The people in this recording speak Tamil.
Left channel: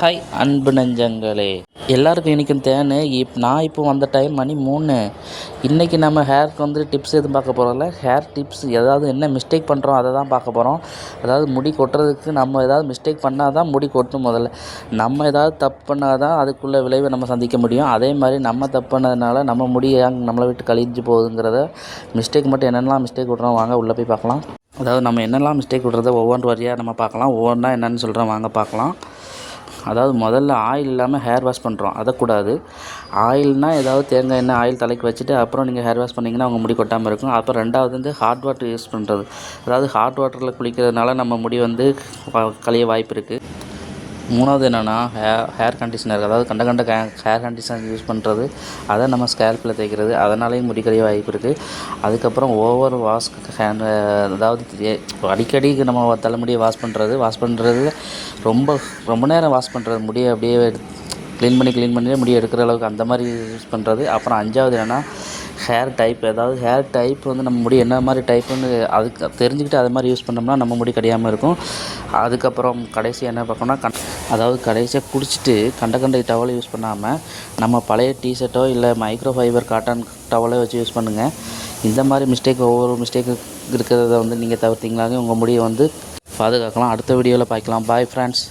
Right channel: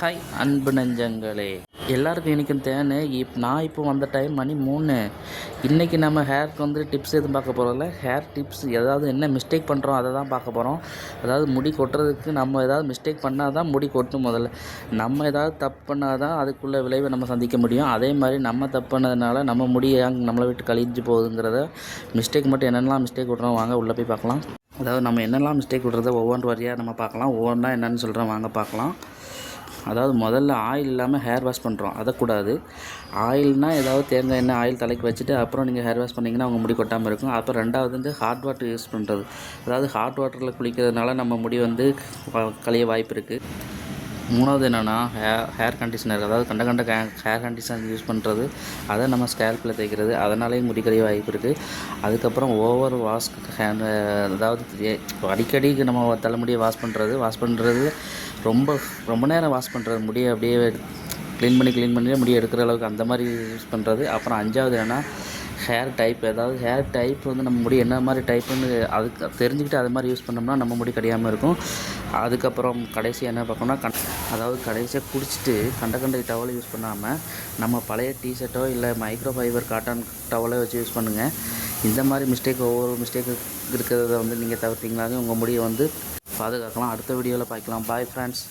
ஹாய் அன்பு நெஞ்சங்களே. எல்லாருக்கும் இன்றைக்கும் தேனு. இப் நான் இப்போ வந்த டைம் மணி மூணு. இன்றைக்கி நம்ம ஹேருக்கு வந்து டிப்ஸ் எதுவும் பார்க்க போகிறோம்ல ஹேர் டிப்ஸ் ஏதாவது என்ன மிஸ்டேக் பண்ணுறோம் அதை தான் பார்க்க போகிறோம் அதாவது முடி கொட்டுறதுக்கு நம்ம ஏதாவது மிஸ்டேக் பண்ணால் தான் முடி கொட்டும் முதல்ல. நம்ம ஏதாவது தப்பு பண்ணால் தான் அதுக்குள்ள விளைவை நம்ம சந்திக்க முடியும். அதே மாதிரி நம்ம தப்பு பண்ணதுனால நம்ம முடி நம்மளை விட்டு கழிஞ்சு போகுதுங்கிறத மிஸ்டேக் மட்டும் என்னென்னலாம் மிஸ்டேக் விட்றோம் வாங்க உள்ளே போய் பார்க்கலாம். அதாவது நம்ம என்னெல்லாம் மிஸ்டேக் விட்றத ஒவ்வொன்று வரியாக நம்ம பார்க்கலாம். ஒவ்வொன்றா என்னென்னு சொல்கிறோம் வாங்க பார்க்கலாம். அதாவது முதல்ல ஆயில் இல்லாமல் ஹேர் வாஷ் பண்ணுறோம் அதக்கூடாது. ஆயில்னால் ஏதாவது தேங்காய் எண்ணெய் ஆயில் தலைக்கு வச்சுட்டு அப்புறம் நீங்கள் ஹேர் வாஷ் பண்ணிங்கன்னா உங்கள் முடி கொட்டாமல் இருக்கும். அப்புறம் ரெண்டாவது வந்து ஹாட் வாட்டர் யூஸ் பண்ணுறது அதாவது ஹாட் வாட்டரில் குளிக்கிறதுனால நம்ம முடி வந்து கழிய வாய்ப்பு இருக்குது மூணாவது என்னென்னா ஹேர் ஹேர் கண்டிஷனர் அதாவது கண்ட கண்ட கே ஹேர் கண்டிஷனர் யூஸ் பண்ணுறது அதை நம்ம ஸ்கேல்பில் தேய்க்கிறது. அதனாலேயும் முடி கழிய வாய்ப்பு இருக்குது அதுக்கப்புறம் ஓவர் வாஷ் ஹேண்ட் அதாவது அடிக்கடி நம்ம தலைமுடியை வாஷ் பண்ணுறது வாஷ் பண்ணுறது ரொம்ப ரொம்ப நேரம் வாஷ் பண்ணுறது முடியை அப்படியே க்ளீன் பண்ணி க்ளீன் பண்ணி முடியை எடுக்கிற அளவுக்கு அந்த மாதிரி யூஸ் பண்ணுறது அப்புறம் அஞ்சாவது என்னென்னா ஹேர் டைப் ஏதாவது ஹேர் டைப் வந்து நம்ம முடி என்ன மாதிரி டைப்புன்னு அதுக்கு தெரிஞ்சுக்கிட்டு அது மாதிரி யூஸ் பண்ணோம்னா நம்ம முடி கிடையாமல் இருக்கும். அதுக்கப்புறம் கடைசி என்ன பார்க்கணும்னா கண் அதாவது கடைசியாக குடிச்சிட்டு கண்ட கண்டை டவலை யூஸ் பண்ணாமல் நம்ம பழைய டிஷர்ட்டோ இல்லை மைக்ரோ ஃபைபர் காட்டன் டவலோ வச்சு யூஸ் பண்ணுங்கள் இந்த மாதிரி மிஸ்டேக் ஒவ்வொரு மிஸ்டேக்கு இருக்கிறத வந்து நீங்கள் தவிர்த்திங்களாவே உங்கள் முடியை வந்து பாதுகாக்கலாம். அடுத்த வீடியோவில் பார்க்கலாம் பாய் ஃப்ரெண்ட்ஸ்